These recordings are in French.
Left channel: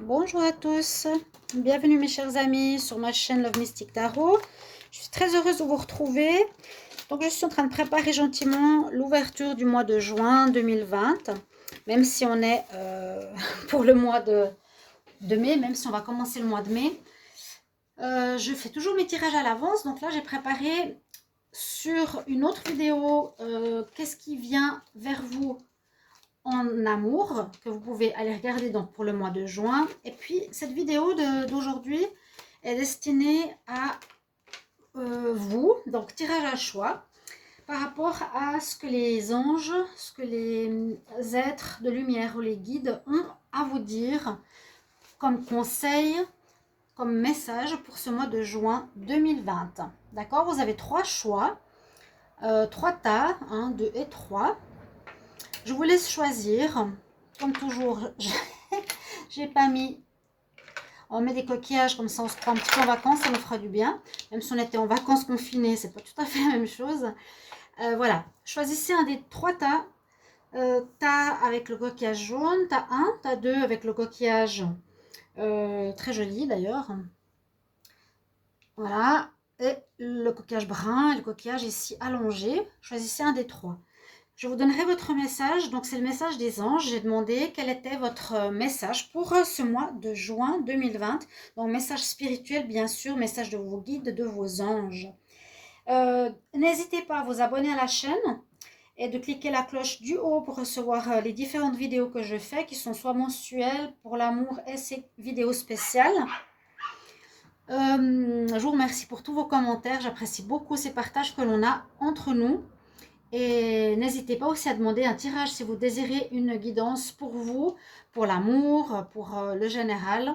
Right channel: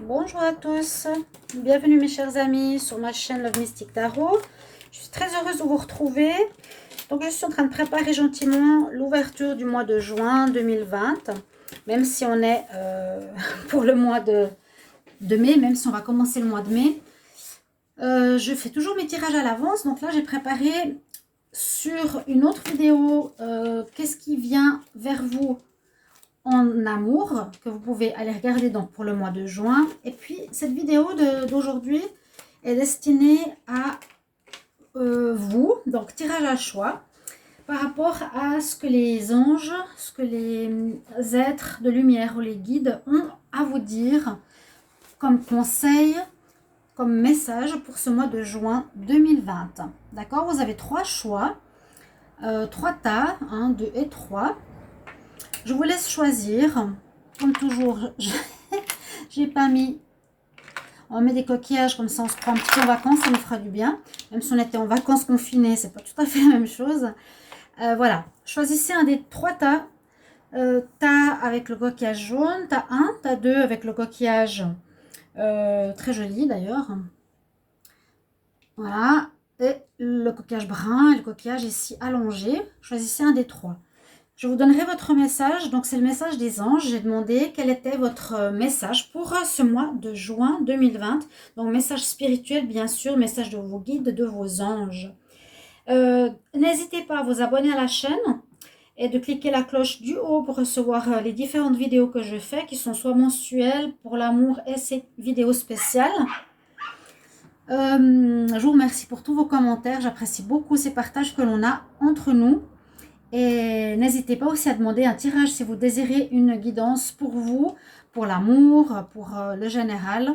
Bonjour à tous, bienvenue mes chers amis sur ma chaîne Love Mystic Tarot. Je suis très heureuse de vous retrouver. Donc je suis en train de préparer gentiment l'ouverture du mois de juin 2020, même si on est pour le mois de mai, même si on va commencer le mois de mai. Je fais toujours mes tirages à l'avance, donc là j'ai préparé sur une autre vidéo qu'est-ce qui vient vers vous en amour, que vous pouvez aller regarder donc pour le mois de juin. Et puis cette vidéo d'aujourd'hui est destinée à vous, donc tirage à choix, par rapport à ce que les anges, ce que les êtres de lumière ou les guides ont à vous dire comme conseil, comme message pour ce mois de juin 2020. D'accord, vous avez trois choix, trois tas, 1, 2 et 3. Je vous laisse choisir. Comme toujours, j'ai pas mis... On met des coquillages, comme ça on se prend un petit peu en vacances, ça nous fera du bien. Même si on était en vacances confinées, c'est pas tout à fait la même chose. Voilà, choisissez un des trois tas. Tas avec le coquillage jaune, tas 1, tas 2 avec le coquillage très joli d'ailleurs. Voilà, et le coquillage brun et le coquillage ici allongé. Choisissez un des trois. Je vous donnerai votre message. Donc, c'est le message des anges. J'ai demandé quel était votre message pour ce mois de juin 2020. Donc, message spirituel, bien sûr, message de vos guides, de vos anges. N'hésitez pas à vous abonner à la chaîne et de cliquer la cloche du haut pour recevoir les différentes vidéos que je fais, qui sont soit mensuelles pour l'amour et ces vidéos spéciales. Je vous remercie pour tous vos commentaires. J'apprécie beaucoup ces partages que l'on a entre nous. Et n'hésitez pas aussi à demander un tirage si vous désirez une guidance pour vous, pour l'amour, pour le général.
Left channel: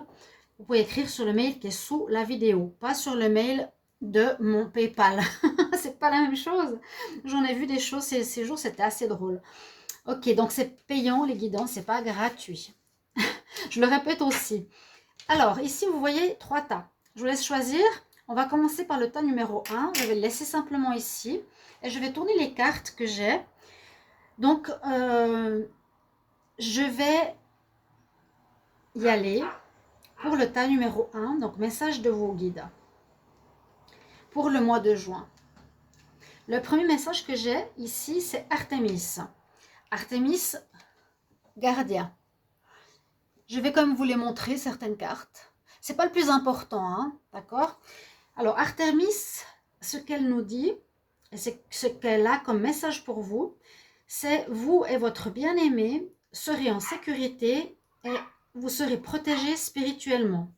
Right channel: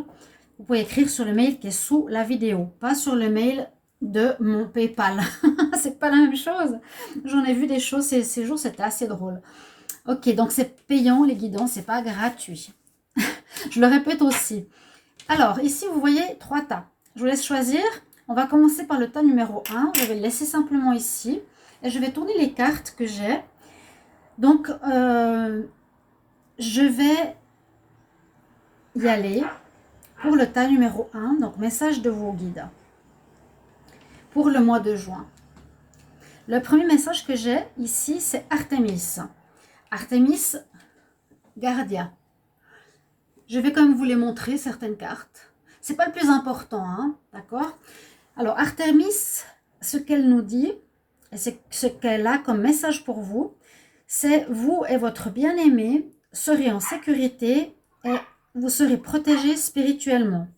Vous pouvez écrire sur le mail qui est sous la vidéo, pas sur le mail de mon PayPal. C'est pas la même chose. J'en ai vu des choses ces jours, c'était assez drôle. Ok, donc c'est payant les guidances, c'est pas gratuit. Je le répète aussi. Alors, ici, vous voyez trois tas. Je vous laisse choisir. On va commencer par le tas numéro 1. Je vais le laisser simplement ici. Et je vais tourner les cartes que j'ai. Donc, je vais y aller pour le tas numéro 1. Donc, message de vos guides. Pour le mois de juin. Le premier message que j'ai ici, c'est Artémis. Artémis, gardien. Je vais quand même vous les montrer, certaines cartes. C'est pas le plus important, hein, d'accord? Alors, Artémis, ce qu'elle nous dit, et ce qu'elle a comme message pour vous, c'est vous et votre bien-aimé serez en sécurité et vous serez protégés spirituellement.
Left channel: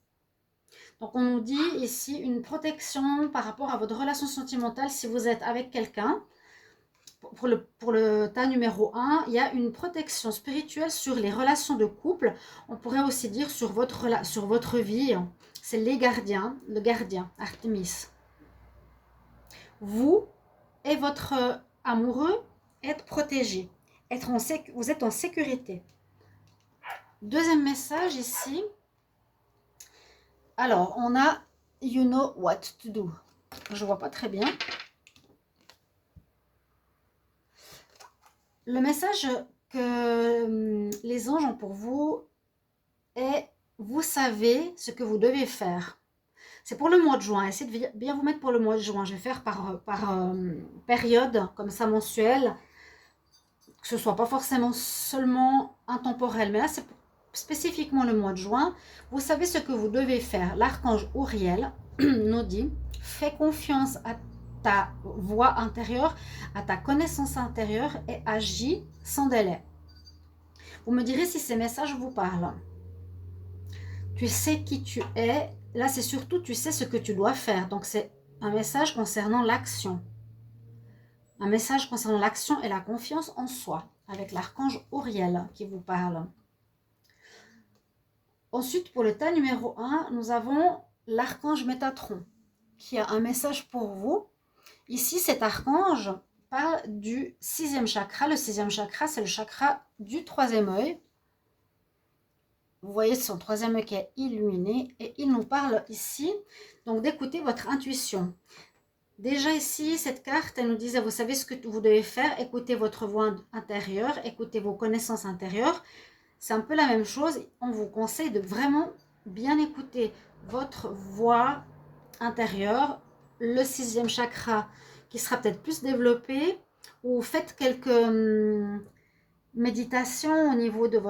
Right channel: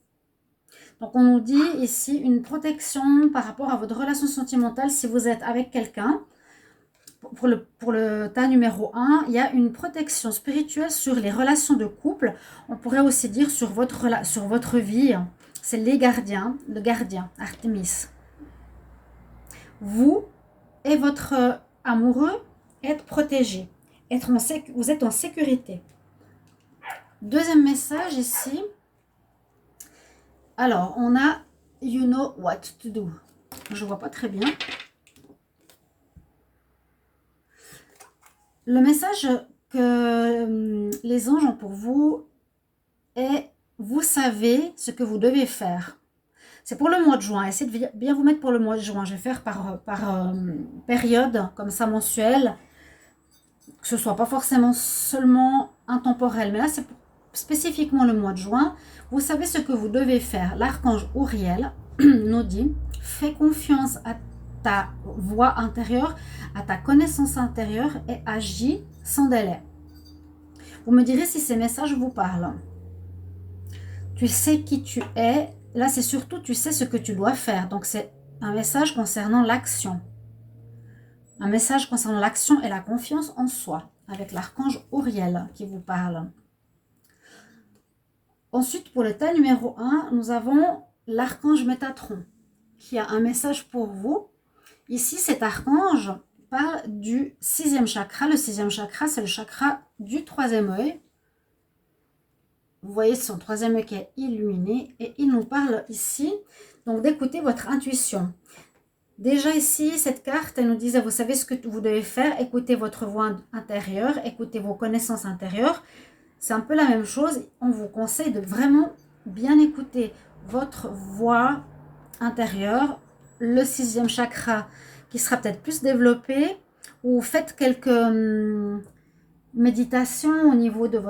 Donc, on nous dit ici une protection par rapport à votre relation sentimentale si vous êtes avec quelqu'un. Pour le tas numéro 1, il y a une protection spirituelle sur les relations de couple. On pourrait aussi dire sur votre vie. C'est les gardiens, le gardien, Artémis. Vous et votre amoureux êtes protégés. Vous êtes en sécurité. Deuxième message ici. Alors, on a You know what to do. Je ne vois pas très bien. Le message que les anges ont pour vous est vous savez ce que vous devez faire. C'est pour le mois de juin. Essayez de bien vous mettre pour le mois de juin. Je vais faire par période, comme ça mensuelle, que ce soit pas forcément seulement intemporel. Mais là, c'est spécifiquement le mois de juin. Vous savez ce que vous devez faire. L'archange Uriel nous dit, fais confiance à ta voix intérieure, à ta connaissance intérieure et agis sans délai. Vous me direz si ces messages vous parlent. Tu sais qui tu es. Là, c'est surtout tu sais ce que tu dois faire. Donc, c'est un message concernant l'action. Un message concernant l'action et la confiance en soi, avec l'archange Uriel qui vous parle. Ensuite, pour le tas numéro 1, nous avons l'archange Métatron, qui a un message pour vous. Ici, cet archange parle du 6e chakra. Le 6e chakra, c'est le chakra du 3e œil. Vous voyez son 3e œil qui est illuminé. Et il nous parle ici, donc d'écouter votre intuition. Déjà ici, cette carte, elle nous disait, vous savez ce que vous devez faire. Écoutez votre voix intérieure, écoutez vos connaissances intérieures. c'est un peu la même chose. On vous conseille de vraiment bien écouter votre voix intérieure, le sixième chakra qui sera peut-être plus développé, ou faites quelques méditations au niveau de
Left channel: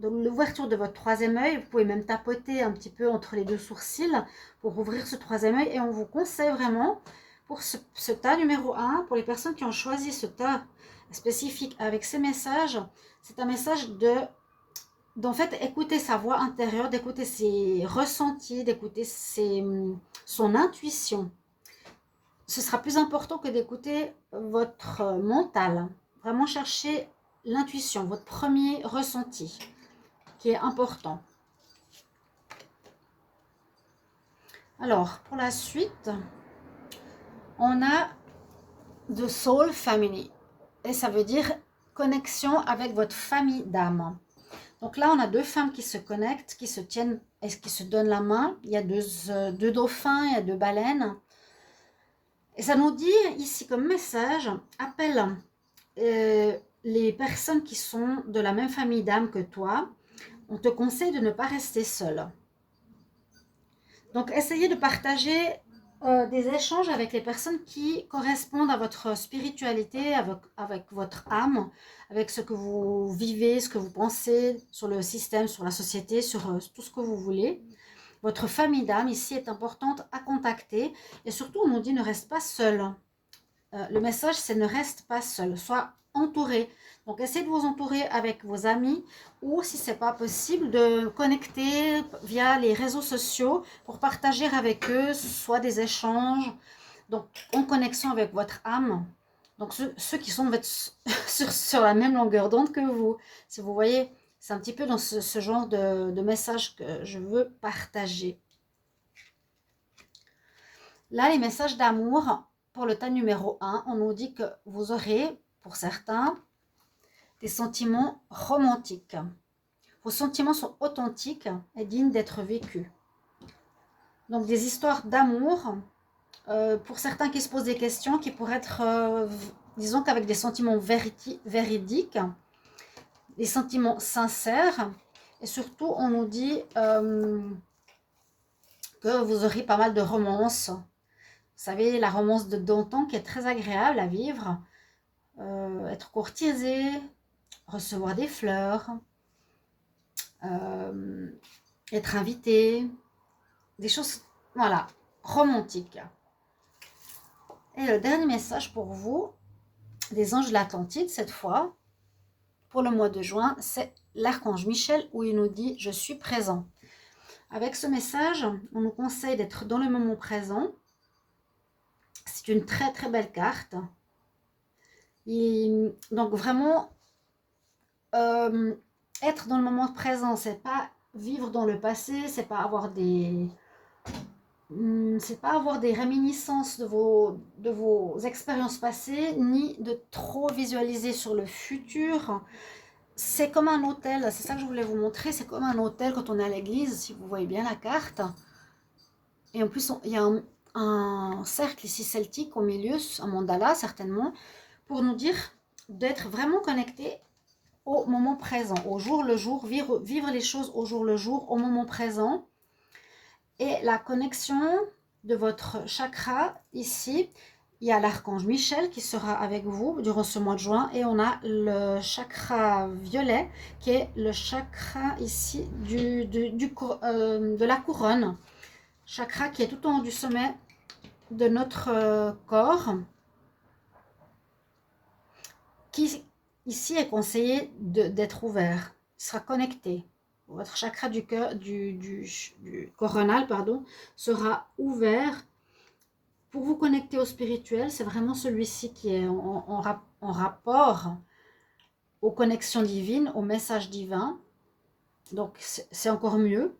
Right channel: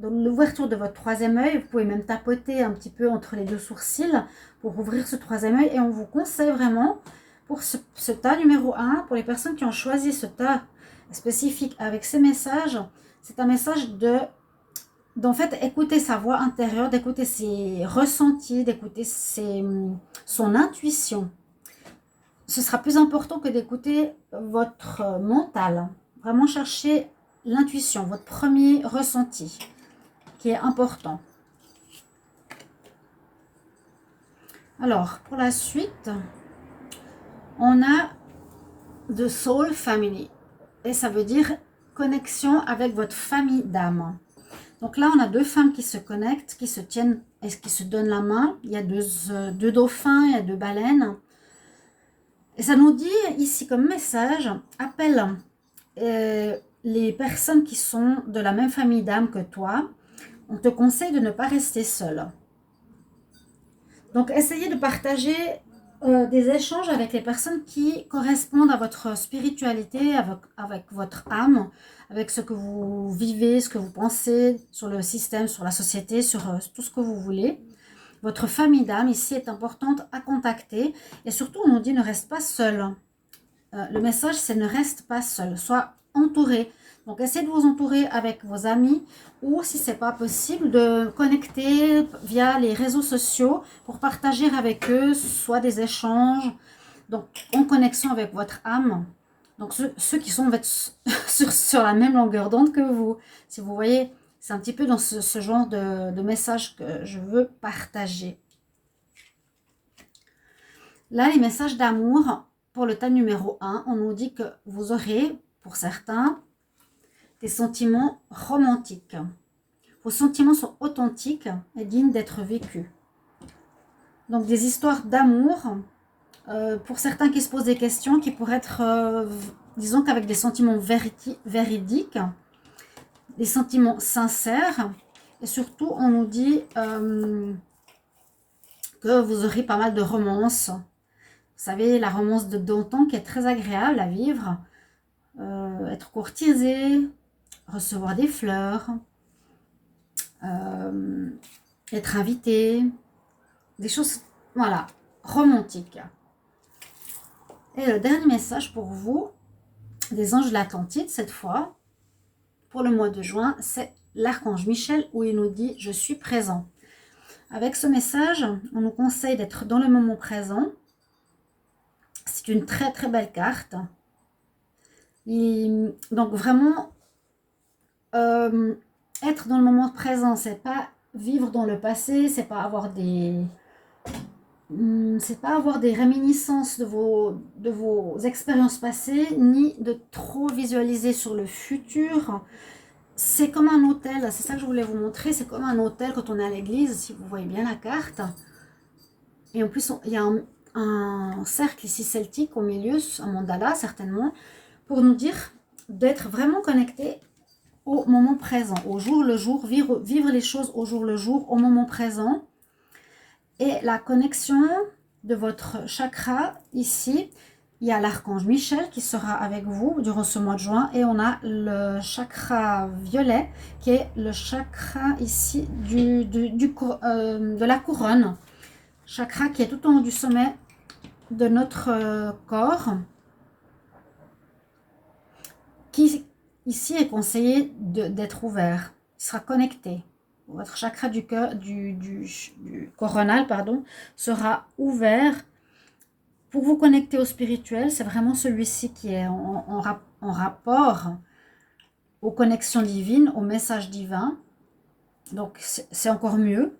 l'ouverture de votre troisième œil. Vous pouvez même tapoter un petit peu entre les deux sourcils pour ouvrir ce troisième œil. Et on vous conseille vraiment pour ce tas numéro 1, pour les personnes qui ont choisi ce tas spécifique avec ces messages, c'est un message d'en fait écouter sa voix intérieure, d'écouter ses ressentis, d'écouter son intuition. Ce sera plus important que d'écouter votre mental. Vraiment chercher l'intuition, votre premier ressenti, qui est important. Alors, pour la suite, on a The Soul Family. Et ça veut dire connexion avec votre famille d'âme. Donc là, on a deux femmes qui se connectent, qui se tiennent et qui se donnent la main. Il y a deux dauphins, il y a deux baleines. Et ça nous dit ici comme message, appelle les personnes qui sont de la même famille d'âme que toi. On te conseille de ne pas rester seul. Donc, essayez de partager des échanges avec les personnes qui correspondent à votre spiritualité, avec votre âme, avec ce que vous vivez, ce que vous pensez sur le système, sur la société, sur tout ce que vous voulez. Votre famille d'âme ici est importante à contacter. Et surtout, on nous dit ne reste pas seul. Le message, c'est ne reste pas seul. Sois entouré. Donc, essayez de vous entourer avec vos amis ou, si ce n'est pas possible, de connecter via les réseaux sociaux pour partager avec eux soit des échanges, donc en connexion avec votre âme. Donc, ceux qui sont sur la même longueur d'onde que vous. Si vous voyez, c'est un petit peu dans ce genre de message que je veux partager. Là, les messages d'amour, pour le tas numéro 1, on nous dit que vous aurez, pour certains, des sentiments romantiques. Vos sentiments sont authentiques et dignes d'être vécus. Donc, des histoires d'amour, pour certains qui se posent des questions, qui pourraient être, disons qu'avec des sentiments véridiques, des sentiments sincères. Et surtout, on nous dit que vous aurez pas mal de romances. Vous savez, la romance de d'antan qui est très agréable à vivre. Être courtisé, recevoir des fleurs, être invité, des choses, voilà, romantiques. Et le dernier message pour vous, des anges de l'Atlantide cette fois, pour le mois de juin, c'est l'archange Michel où il nous dit « Je suis présent ». Avec ce message, on nous conseille d'être dans le moment présent. C'est une très très belle carte. Et donc vraiment, être dans le moment présent, c'est pas vivre dans le passé, c'est pas avoir des réminiscences de vos expériences passées, ni de trop visualiser sur le futur. C'est comme un hôtel, c'est ça que je voulais vous montrer, c'est comme un hôtel quand on est à l'église, si vous voyez bien la carte. Et en plus, il y a un cercle ici celtique au milieu, un mandala certainement, pour nous dire d'être vraiment connecté au moment présent, au jour le jour, vivre les choses au jour le jour, au moment présent. Et la connexion de votre chakra, ici, il y a l'archange Michel qui sera avec vous durant ce mois de juin. Et on a le chakra violet qui est le chakra ici de la couronne. Chakra qui est tout en haut du sommet de notre corps. Qui ici est conseillé d'être ouvert. Il sera connecté. Votre chakra du cœur, du coronal, pardon, sera ouvert pour vous connecter au spirituel. C'est vraiment celui-ci qui est en rapport aux connexions divines, aux messages divins. Donc, c'est encore mieux.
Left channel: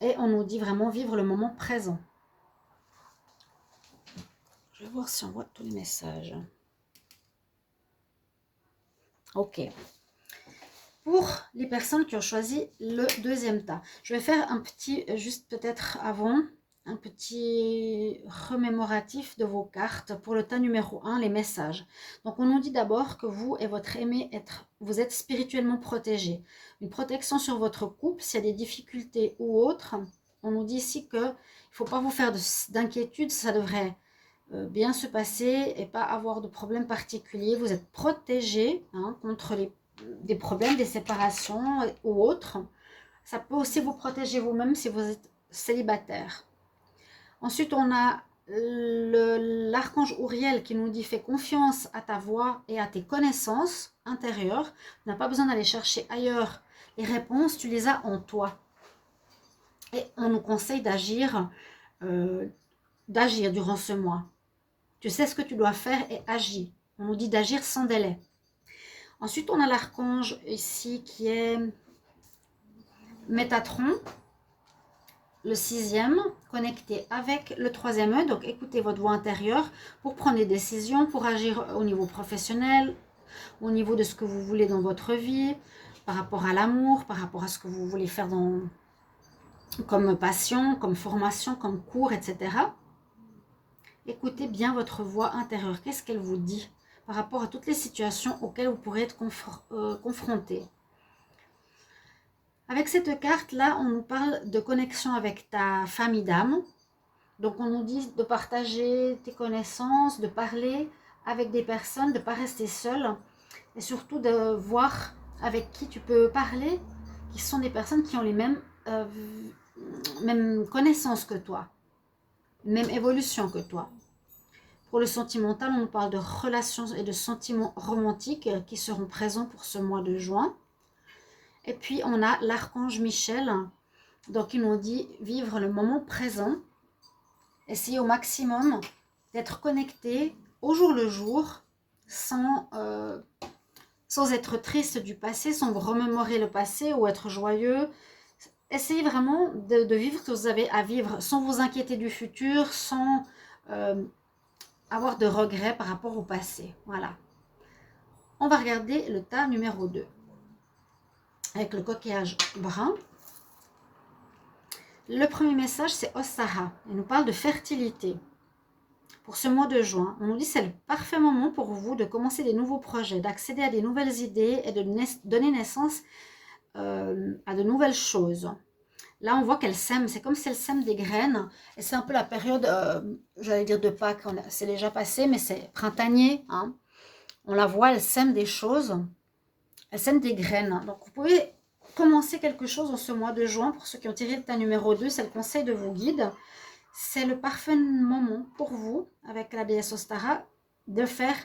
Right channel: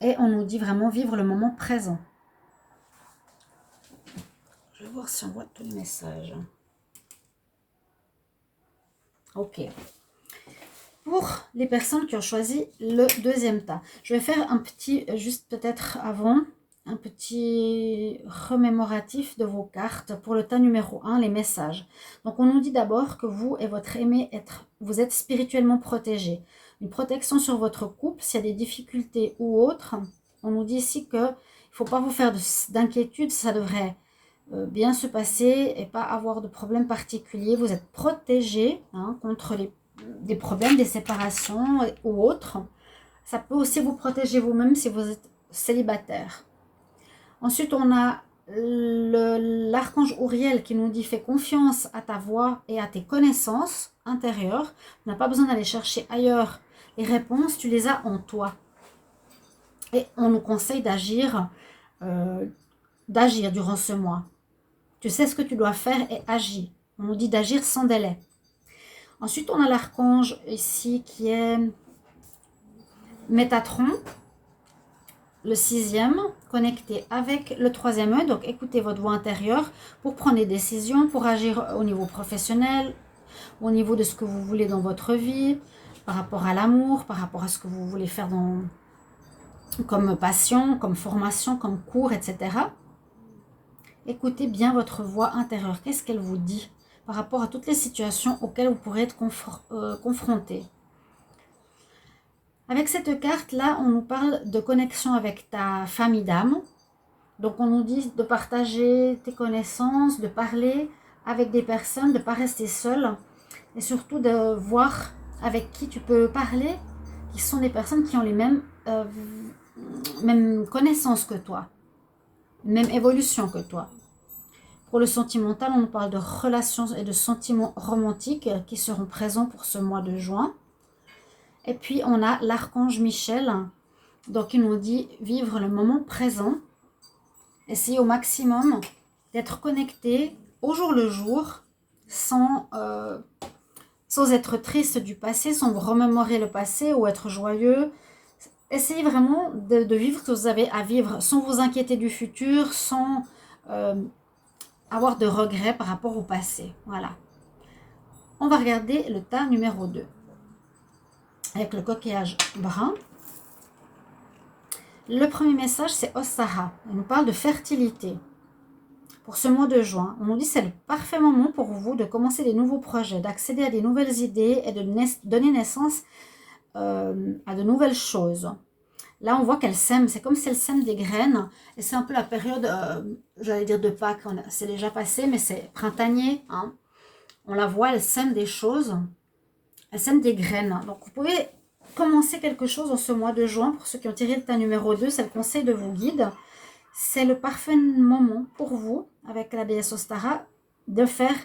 Et on nous dit vraiment vivre le moment présent. Je vais voir si on voit tous les messages. Ok. Pour les personnes qui ont choisi le deuxième tas, je vais faire un petit, juste peut-être avant, un petit remémoratif de vos cartes pour le tas numéro 1, les messages. Donc, on nous dit d'abord que vous et votre aimé vous êtes spirituellement protégé. Une protection sur votre couple, s'il y a des difficultés ou autres. On nous dit ici qu'il ne faut pas vous faire d'inquiétude, ça devrait bien se passer et pas avoir de problème particulier. Vous êtes protégé contre des problèmes, des séparations ou autres. Ça peut aussi vous protéger vous-même si vous êtes célibataire. Ensuite, on a l'archange Uriel qui nous dit « Fais confiance à ta voix et à tes connaissances intérieures. Tu n'as pas besoin d'aller chercher ailleurs les réponses, tu les as en toi. » Et on nous conseille d'agir durant ce mois. Tu sais ce que tu dois faire et agis. On nous dit d'agir sans délai. Ensuite, on a l'archange ici qui est Métatron, le 6e, connecté avec le 3e œil. Donc, écoutez votre voix intérieure pour prendre des décisions, pour agir au niveau professionnel, au niveau de ce que vous voulez dans votre vie, par rapport à l'amour, par rapport à ce que vous voulez faire comme passion, comme formation, comme cours, etc. Écoutez bien votre voix intérieure. Qu'est-ce qu'elle vous dit par rapport à toutes les situations auxquelles vous pourrez être confronté? Avec cette carte-là, on nous parle de connexion avec ta famille d'âme. Donc, on nous dit de partager tes connaissances, de parler avec des personnes, de ne pas rester seul. Et surtout de voir avec qui tu peux parler, qui sont des personnes qui ont les mêmes connaissances que toi, même évolution que toi. Pour le sentimental, on nous parle de relations et de sentiments romantiques qui seront présents pour ce mois de juin. Et puis, on a l'archange Michel, donc il nous dit vivre le moment présent. Essayez au maximum d'être connecté au jour le jour, sans être triste du passé, sans vous remémorer le passé ou être joyeux. Essayez vraiment de vivre ce que vous avez à vivre, sans vous inquiéter du futur, sans avoir de regrets par rapport au passé. Voilà. On va regarder le tas numéro 2. Avec le coquillage brun. Le premier message, c'est Ostara. Il nous parle de fertilité. Pour ce mois de juin, on nous dit que c'est le parfait moment pour vous de commencer des nouveaux projets, d'accéder à des nouvelles idées et de donner naissance à de nouvelles choses. Là, on voit qu'elle sème, c'est comme si elle sème des graines. Et c'est un peu la période, j'allais dire de Pâques, c'est déjà passé, mais c'est printanier. Hein. On la voit, elle sème des choses. Elle sème des graines. Donc, vous pouvez commencer quelque chose en ce mois de juin. Pour ceux qui ont tiré le tas numéro 2, c'est le conseil de vos guides. C'est le parfait moment pour vous, avec la déesse Ostara, de faire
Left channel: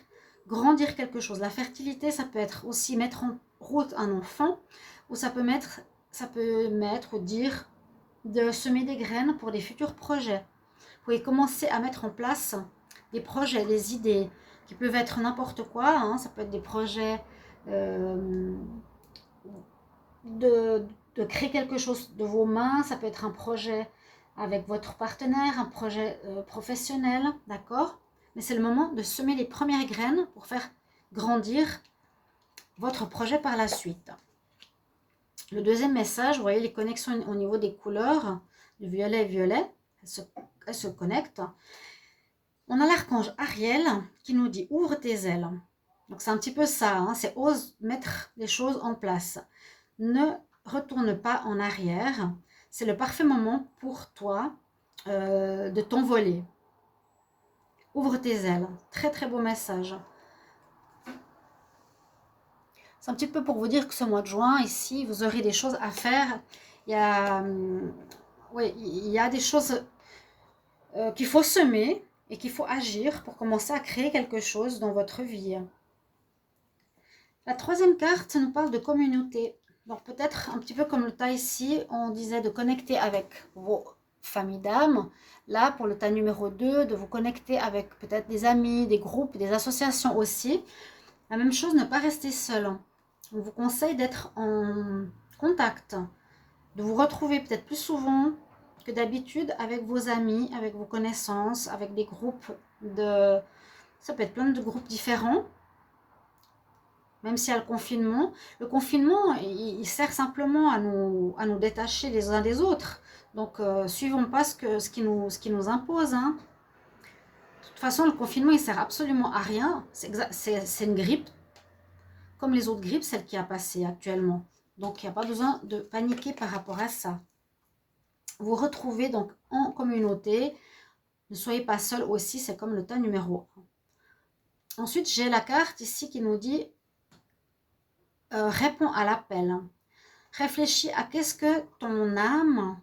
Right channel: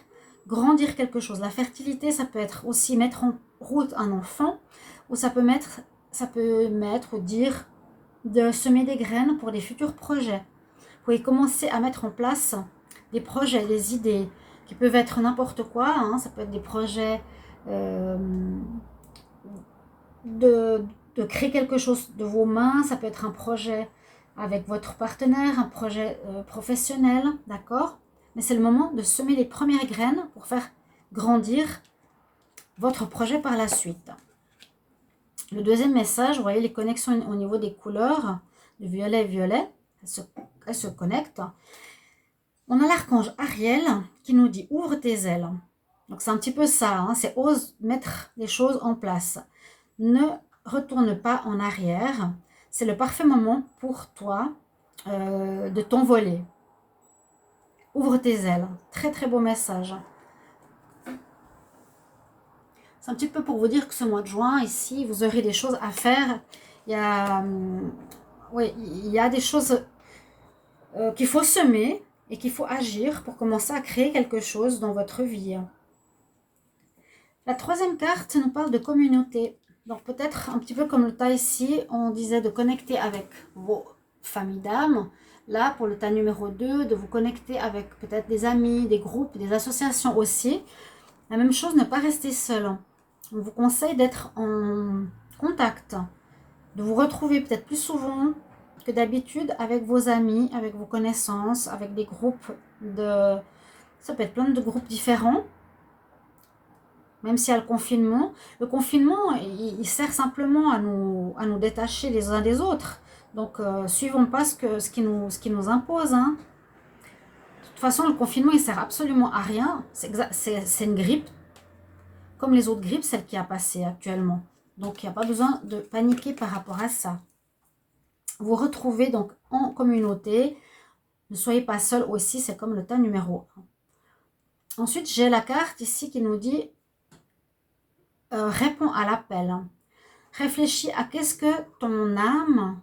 grandir quelque chose. La fertilité, ça peut être aussi mettre en route un enfant, ou ça peut mettre ou dire de semer des graines pour des futurs projets. Vous pouvez commencer à mettre en place des projets, des idées, qui peuvent être n'importe quoi. Hein. Ça peut être des projets de créer quelque chose de vos mains. Ça peut être un projet avec votre partenaire, un projet professionnel, d'accord? Mais c'est le moment de semer les premières graines pour faire grandir votre projet par la suite. Le deuxième message, vous voyez les connexions au niveau des couleurs, du violet et violet, elles se connectent. On a l'archange Ariel qui nous dit « Ouvre tes ailes ». Donc c'est un petit peu ça, hein, c'est ose mettre les choses en place. Ne retourne pas en arrière. C'est le parfait moment pour toi de t'envoler. Ouvre tes ailes. Très très beau message. C'est un petit peu pour vous dire que ce mois de juin, ici, vous aurez des choses à faire. Il y a des choses qu'il faut semer et qu'il faut agir pour commencer à créer quelque chose dans votre vie. La troisième carte nous parle de communauté. Donc peut-être un petit peu comme le tas ici, on disait de connecter avec vos familles d'âme. Là, pour le tas numéro 2, de vous connecter avec peut-être des amis, des groupes, des associations aussi. La même chose, ne pas rester seul. On vous conseille d'être en contact, de vous retrouver peut-être plus souvent que d'habitude avec vos amis, avec vos connaissances, avec des groupes de... Ça peut être plein de groupes différents. Même s'il y a le confinement. Le confinement, il sert simplement à nous détacher les uns des autres. Donc, suivons pas ce qui nous impose. Hein. De toute façon, le confinement, il sert absolument à rien. C'est une grippe. comme les autres grippes, celle qui a passé actuellement. Donc, il n'y a pas besoin de paniquer par rapport à ça. Vous retrouvez donc en communauté. Ne soyez pas seul aussi, c'est comme le tas numéro 1. Ensuite, j'ai la carte ici qui nous dit réponds à l'appel. Réfléchis à qu'est-ce que ton âme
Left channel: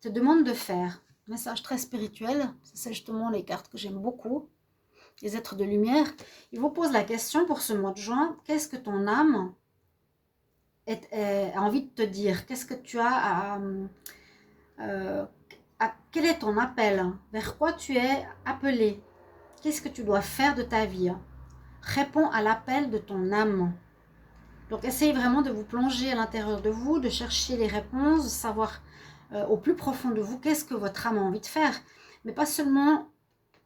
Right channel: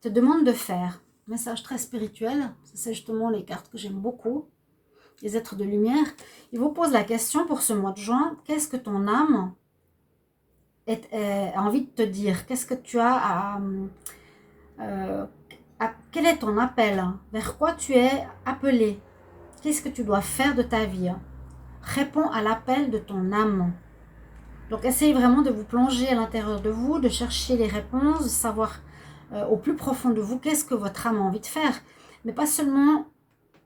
te demande de faire. Message très spirituel, c'est justement les cartes que j'aime beaucoup. Les êtres de lumière. Il vous pose la question pour ce mois de juin, qu'est-ce que ton âme a envie de te dire? Qu'est-ce que tu as quel est ton appel? Vers quoi tu es appelé? Qu'est-ce que tu dois faire de ta vie? Réponds à l'appel de ton âme. Donc, essayez vraiment de vous plonger à l'intérieur de vous, de chercher les réponses, de savoir au plus profond de vous qu'est-ce que votre âme a envie de faire. Mais pas seulement,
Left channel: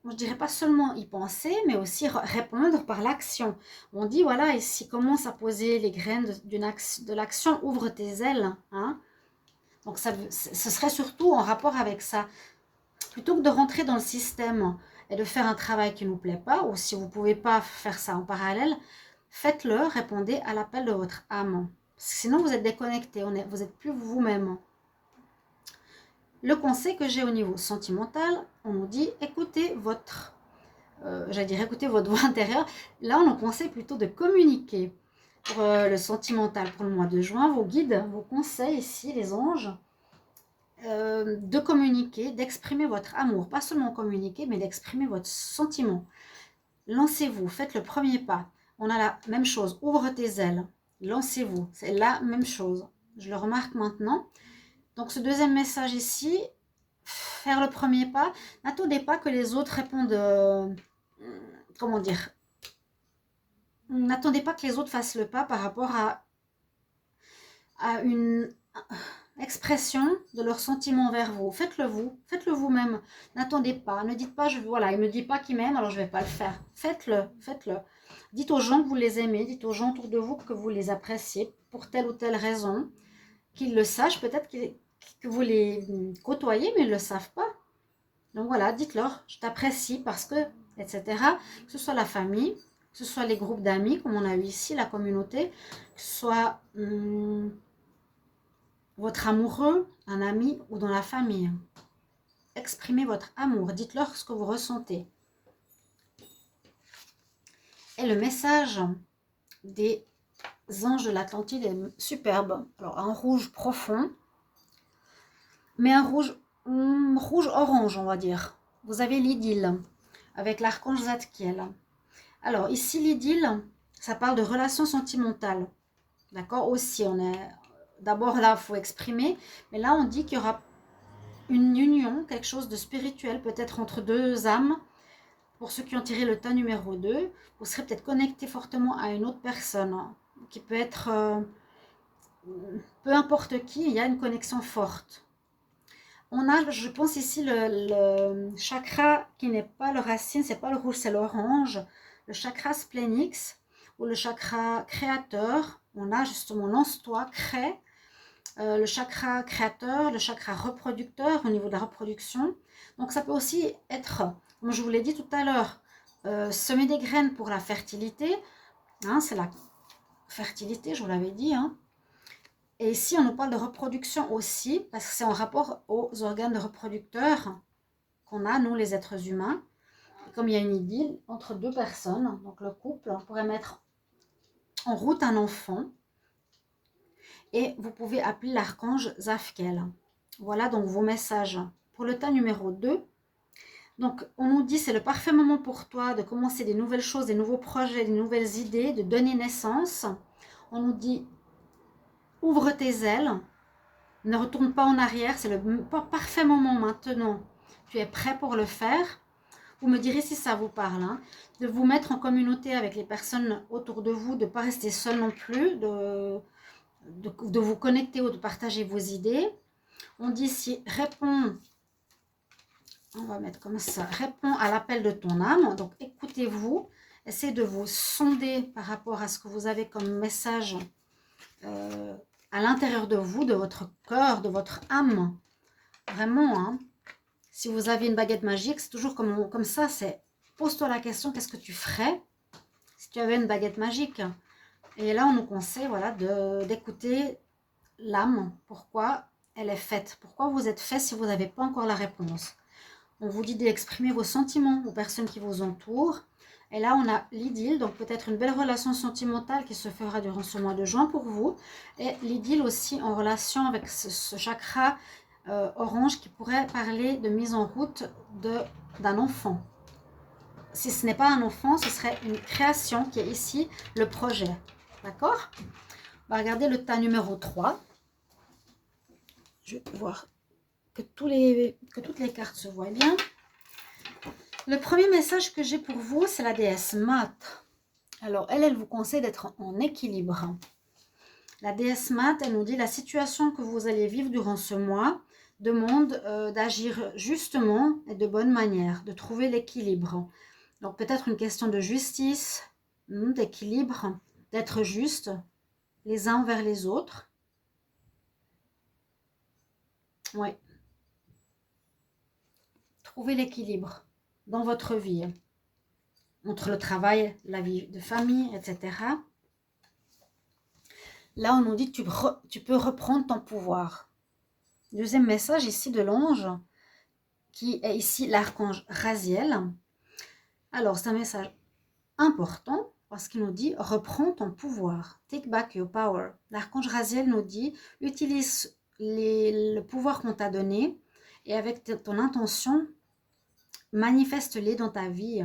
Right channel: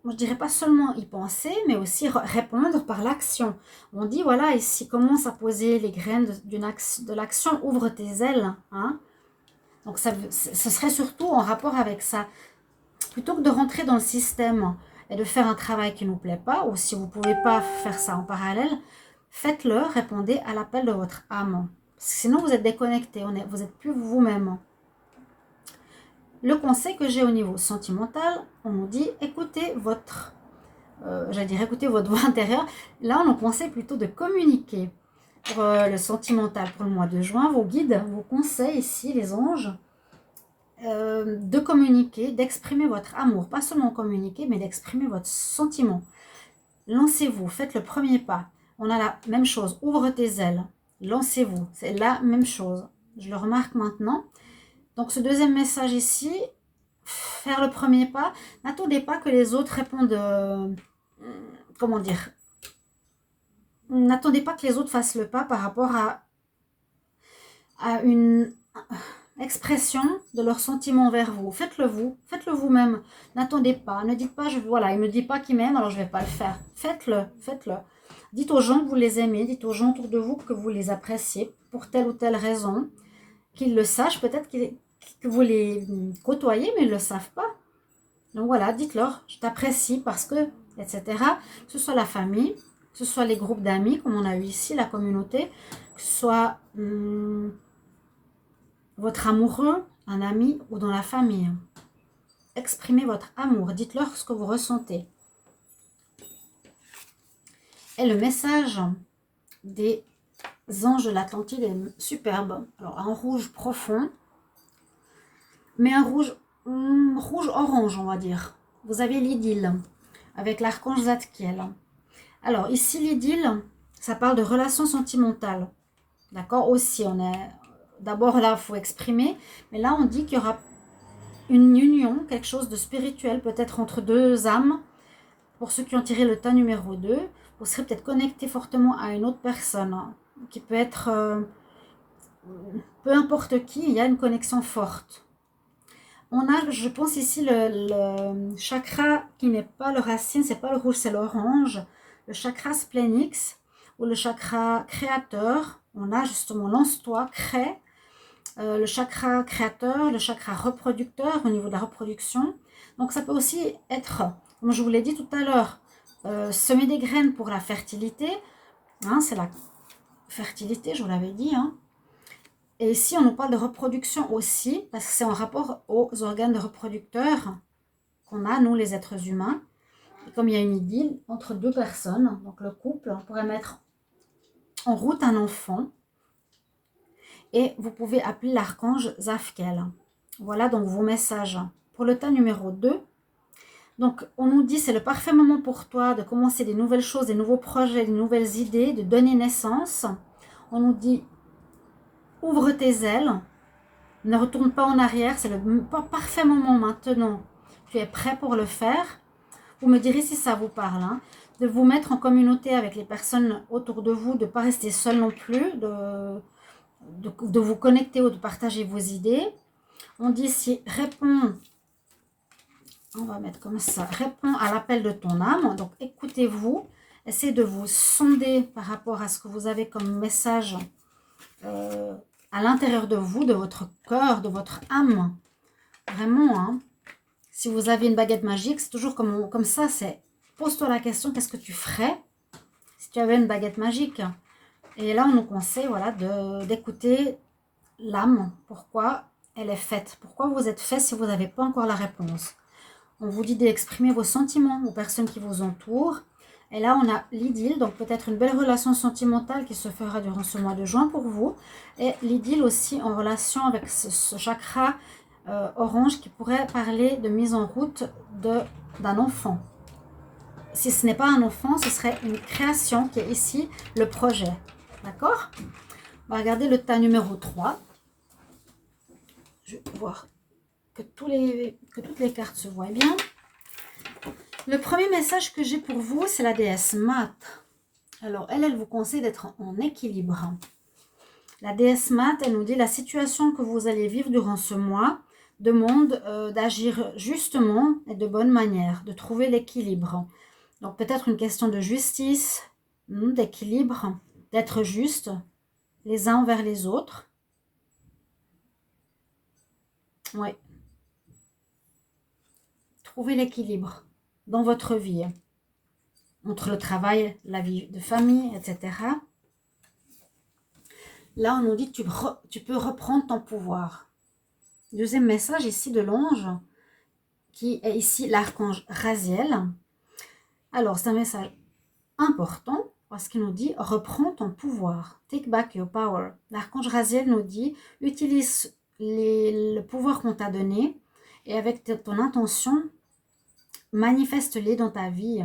moi je dirais pas seulement y penser, mais aussi répondre par l'action. On dit, voilà, ici commence à poser les graines de l'action, ouvre tes ailes. Hein. Donc, ce serait surtout en rapport avec ça. Plutôt que de rentrer dans le système et de faire un travail qui ne nous plaît pas, ou si vous ne pouvez pas faire ça en parallèle, faites-le, répondez à l'appel de votre âme. Sinon, vous êtes déconnecté, vous n'êtes plus vous-même. Le conseil que j'ai au niveau sentimental, on nous dit écoutez votre, écoutez votre voix intérieure. Là, on nous conseille plutôt de communiquer. Pour le sentimental, pour le mois de juin, vos guides vous conseillent ici, les anges, de communiquer, d'exprimer votre amour. Pas seulement communiquer, mais d'exprimer votre sentiment. Lancez-vous, faites le premier pas. On a la même chose, ouvre tes ailes, lancez-vous, c'est la même chose. Je le remarque maintenant. Donc ce deuxième message ici, faire le premier pas, n'attendez pas que les autres répondent, comment dire, n'attendez pas que les autres fassent le pas par rapport à une expression de leurs sentiments envers vous. Faites-le vous-même. N'attendez pas, ne dites pas, voilà, il ne me dit pas qu'il m'aime, alors je ne vais pas le faire. Faites-le. Dites aux gens que vous les aimez, dites aux gens autour de vous que vous les appréciez pour telle ou telle raison, qu'ils le sachent, peut-être que vous les côtoyez, mais ils ne le savent pas. Donc voilà, dites-leur, je t'apprécie parce que, etc. Que ce soit la famille, que ce soit les groupes d'amis, comme on a eu ici, la communauté, que ce soit votre amoureux, un ami ou dans la famille. Exprimez votre amour, dites-leur ce que vous ressentez. Et le message des anges de l'Atlantide est superbe. Alors, un rouge profond, mais un rouge orange, on va dire. Vous avez l'idylle, avec l'archange Zadkiel. Alors, ici, l'idylle, ça parle de relations sentimentales. D'accord? Aussi, on est... D'abord, là, il faut exprimer. Mais là, on dit qu'il y aura une union, quelque chose de spirituel, peut-être entre deux âmes. Pour ceux qui ont tiré le tas numéro 2, vous serez peut-être connecté fortement à une autre personne, hein, qui peut être, peu importe qui, il y a une connexion forte. On a, je pense ici, le chakra qui n'est pas le racine, c'est pas le rouge, c'est l'orange, le chakra splénix, ou le chakra créateur. On a justement lance-toi, crée, le chakra créateur, le chakra reproducteur au niveau de la reproduction. Donc ça peut aussi être, comme je vous l'ai dit tout à l'heure, semer des graines pour la fertilité. Hein, c'est la fertilité, je vous l'avais dit. Hein. Et ici, on nous parle de reproduction aussi, parce que c'est en rapport aux organes de reproducteurs qu'on a, nous, les êtres humains. Et comme il y a une idylle entre deux personnes, donc le couple, on pourrait mettre en route un enfant. Et vous pouvez appeler l'archange Zadkiel. Voilà donc vos messages pour le tas numéro 2. Donc, on nous dit c'est le parfait moment pour toi de commencer des nouvelles choses, des nouveaux projets, des nouvelles idées, de donner naissance. On nous dit ouvre tes ailes, ne retourne pas en arrière, c'est le parfait moment maintenant. Tu es prêt pour le faire. Vous me direz si ça vous parle. Hein, de vous mettre en communauté avec les personnes autour de vous, de ne pas rester seul non plus, de vous connecter ou de partager vos idées. On dit si réponds, on va mettre comme ça, réponds à l'appel de ton âme. Donc écoutez-vous, essayez de vous sonder par rapport à ce que vous avez comme message à l'intérieur de vous, de votre cœur, de votre âme. Vraiment, hein. Si vous avez une baguette magique, c'est toujours comme ça, c'est pose-toi la question, qu'est-ce que tu ferais si tu avais une baguette magique? Et là, on nous conseille voilà, d'écouter l'âme, pourquoi elle est faite, pourquoi vous êtes fait si vous n'avez pas encore la réponse. On vous dit d'exprimer vos sentiments aux personnes qui vous entourent. Et là, on a l'idylle, donc peut-être une belle relation sentimentale qui se fera durant ce mois de juin pour vous. Et l'idylle aussi en relation avec ce chakra orange qui pourrait parler de mise en route d'un enfant. Si ce n'est pas un enfant, ce serait une création qui est ici, le projet. D'accord? On va regarder le tas numéro 3. Je vais voir que toutes les cartes se voient bien. Le premier message que j'ai pour vous, c'est la déesse Mat. Alors, elle vous conseille d'être en équilibre. La déesse Mat, elle nous dit la situation que vous allez vivre durant ce mois demande d'agir justement et de bonne manière, de trouver l'équilibre. Donc, peut-être une question de justice, d'équilibre, d'être juste les uns envers les autres. Oui. Trouver l'équilibre dans votre vie, entre le travail, la vie de famille, etc. Là, on nous dit que tu peux reprendre ton pouvoir. Deuxième message ici de l'ange, qui est ici l'archange Raziel. Alors, c'est un message important parce qu'il nous dit « Reprends ton pouvoir, take back your power ». L'archange Raziel nous dit « Utilise le pouvoir qu'on t'a donné et avec ton intention, manifeste-les dans ta vie ».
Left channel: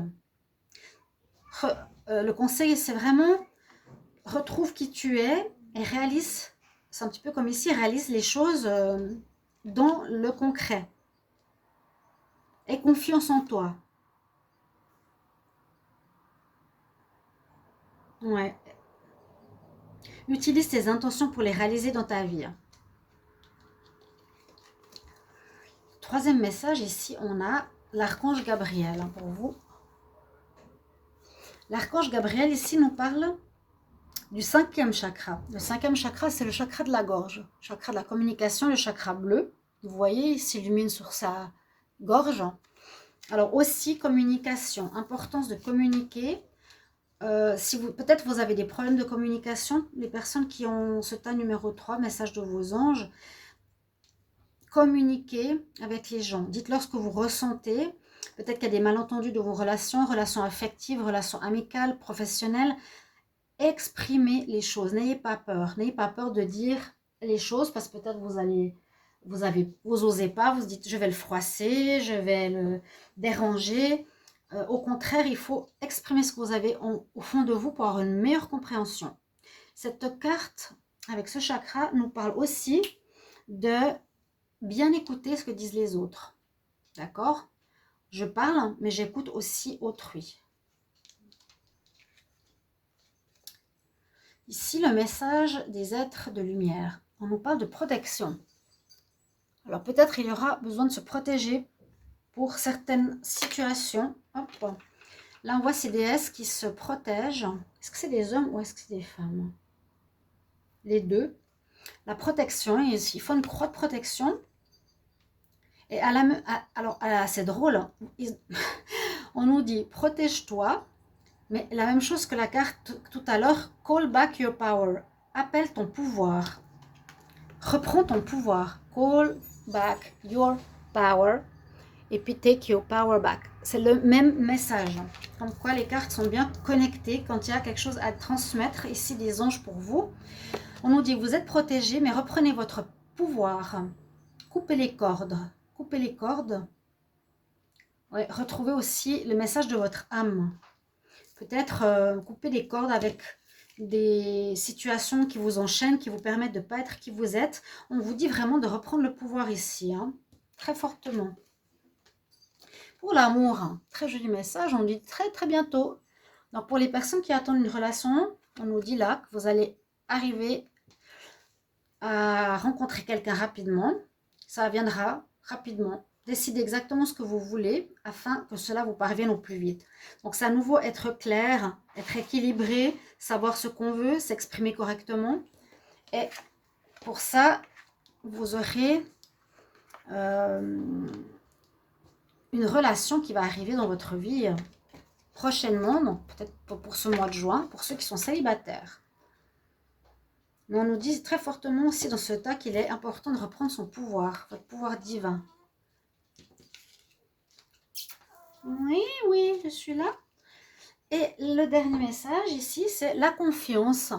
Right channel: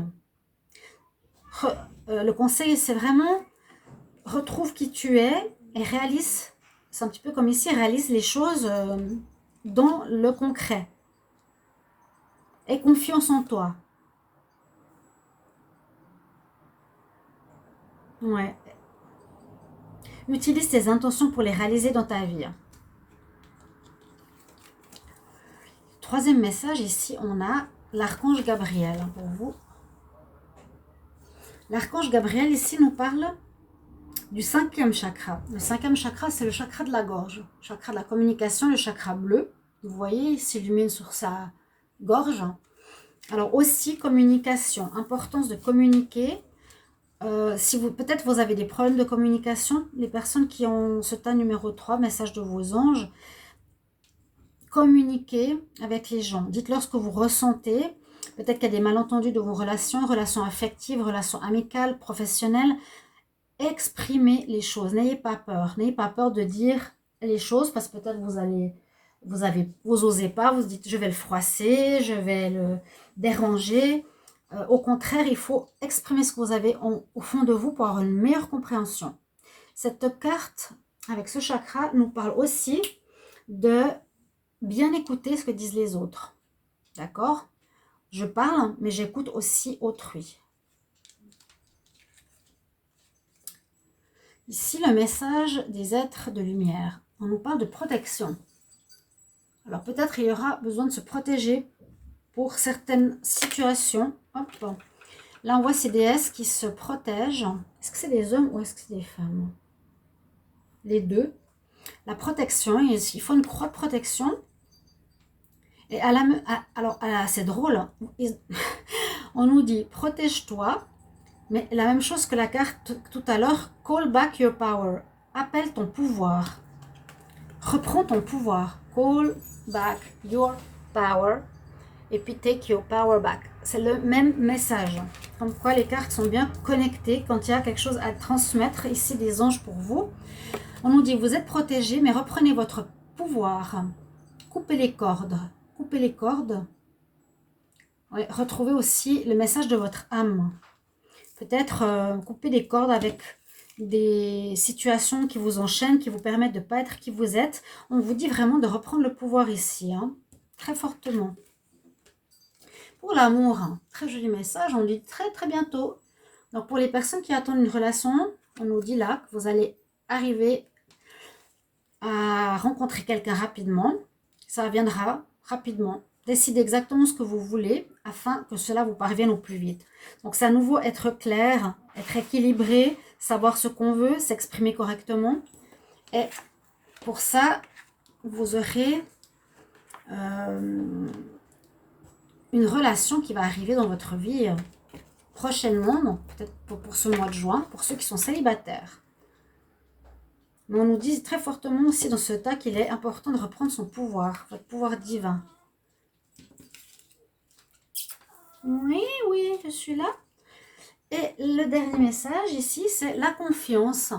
Le conseil, c'est vraiment retrouve qui tu es et réalise, c'est un petit peu comme ici, réalise les choses dans le concret. Aie confiance en toi. Ouais. Utilise tes intentions pour les réaliser dans ta vie. Troisième message, ici, on a l'archange Gabriel pour vous. L'archange Gabriel, ici, nous parle du cinquième chakra. Le cinquième chakra, c'est le chakra de la gorge, le chakra de la communication, le chakra bleu. Vous voyez, il s'illumine sur sa gorge. Alors aussi, communication, importance de communiquer. Si peut-être vous avez des problèmes de communication, les personnes qui ont ce tas numéro 3, message de vos anges, communiquez avec les gens. Dites-leur ce que vous ressentez. Peut-être qu'il y a des malentendus de vos relations affectives, relations amicales, professionnelles. Exprimez les choses. N'ayez pas peur. N'ayez pas peur de dire les choses parce que peut-être vous osez pas. Vous dites je vais le froisser, je vais le déranger. Au contraire, il faut exprimer ce que vous avez au fond de vous pour avoir une meilleure compréhension. Cette carte avec ce chakra nous parle aussi de bien écouter ce que disent les autres. D'accord? Je parle, mais j'écoute aussi autrui. Ici, le message des êtres de lumière. On nous parle de protection. Alors peut-être il y aura besoin de se protéger pour certaines situations. Hop. Là, on voit ces déesses qui se protègent. Est-ce que c'est des hommes ou est-ce que c'est des femmes? Les deux. La protection, il faut une croix de protection. Et c'est drôle. On nous dit protège-toi, mais la même chose que la carte tout à l'heure, call back your power. Appelle ton pouvoir. Reprends ton pouvoir. Call back your power. Et puis take your power back. C'est le même message. Comme quoi les cartes sont bien connectées quand il y a quelque chose à transmettre. Ici des anges pour vous. On nous dit vous êtes protégés, mais reprenez votre pouvoir. Coupez les cordes. Coupez les cordes. Ouais, retrouvez aussi le message de votre âme. Peut-être couper des cordes avec des situations qui vous enchaînent, qui vous permettent de ne pas être qui vous êtes. On vous dit vraiment de reprendre le pouvoir ici, hein, très fortement. Pour l'amour, très joli message, on dit très très bientôt. Donc pour les personnes qui attendent une relation, on nous dit là que vous allez arriver à rencontrer quelqu'un rapidement. Ça viendra rapidement. Décidez exactement ce que vous voulez afin que cela vous parvienne au plus vite. Donc c'est à nouveau être clair, être équilibré, savoir ce qu'on veut, s'exprimer correctement. Et pour ça, vous aurez une relation qui va arriver dans votre vie prochainement, peut-être pour ce mois de juin, pour ceux qui sont célibataires. Mais on nous dit très fortement aussi dans ce tas qu'il est important de reprendre son pouvoir, votre pouvoir divin. Oui, oui, je suis là. Et le dernier message ici, c'est la confiance.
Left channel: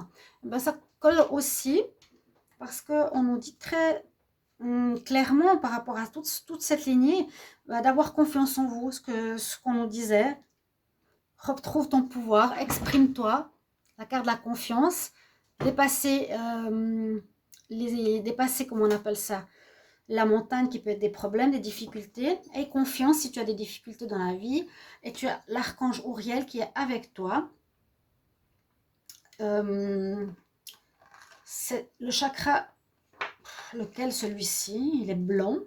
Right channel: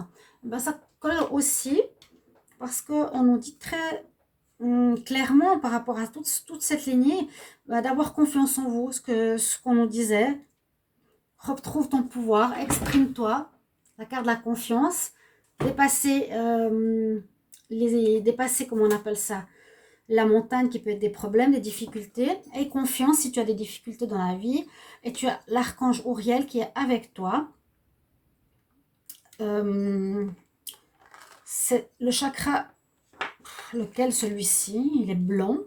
Ben, ça colle aussi parce qu'on nous dit très clairement par rapport à toute cette lignée, ben, d'avoir confiance en vous, ce qu'on nous disait. Retrouve ton pouvoir, exprime-toi, la carte de la confiance, dépasser, dépasser, comment on appelle ça, la montagne qui peut être des problèmes, des difficultés. Aie confiance si tu as des difficultés dans la vie. Et tu as l'archange Uriel qui est avec toi. C'est le chakra, lequel celui-ci, il est blanc.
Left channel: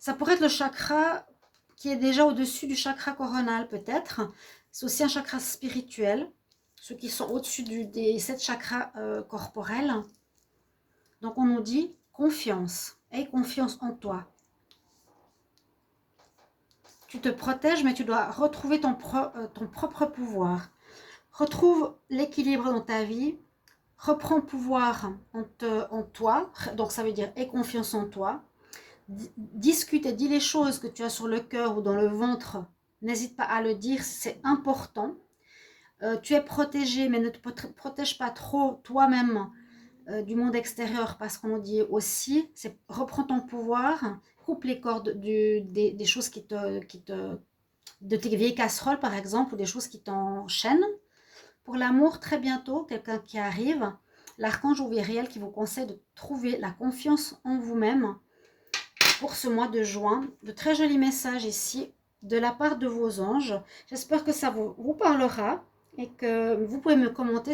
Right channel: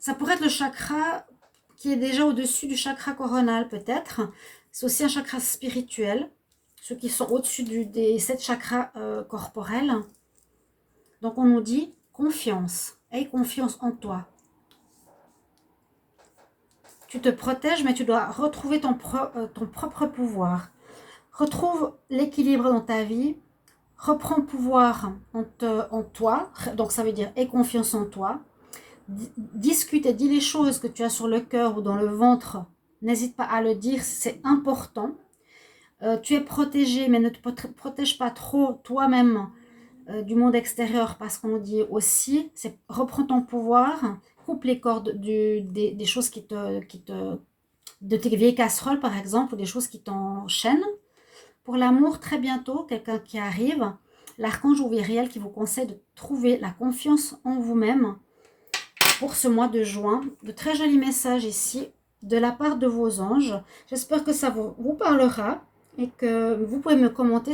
Ça pourrait être le chakra qui est déjà au-dessus du chakra coronal peut-être. C'est aussi un chakra spirituel, ceux qui sont au-dessus des 7 chakras corporels. Donc on nous dit confiance, aie confiance en toi. Tu te protèges, mais tu dois retrouver ton propre pouvoir. Retrouve l'équilibre dans ta vie, reprends pouvoir en toi, donc ça veut dire aie confiance en toi. Discute et dis les choses que tu as sur le cœur ou dans le ventre. N'hésite pas à le dire, c'est important. Tu es protégé, mais ne te protège pas trop toi-même du monde extérieur, parce qu'on dit aussi, c'est reprends ton pouvoir, coupe les cordes des choses de tes vieilles casseroles par exemple, ou des choses qui t'enchaînent. Pour l'amour, très bientôt, quelqu'un qui arrive, l'archange Uriel qui vous conseille de trouver la confiance en vous-même pour ce mois de juin. De très jolis messages ici de la part de vos anges. J'espère que ça vous parlera et que vous pouvez me commenter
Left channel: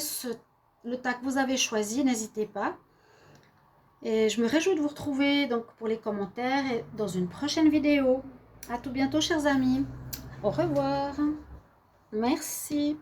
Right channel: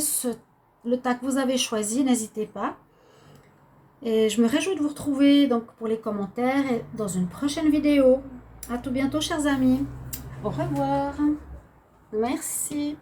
le tas que vous avez choisi, n'hésitez pas. Et je me réjouis de vous retrouver donc pour les commentaires et dans une prochaine vidéo. À tout bientôt, chers amis. Au revoir. Merci.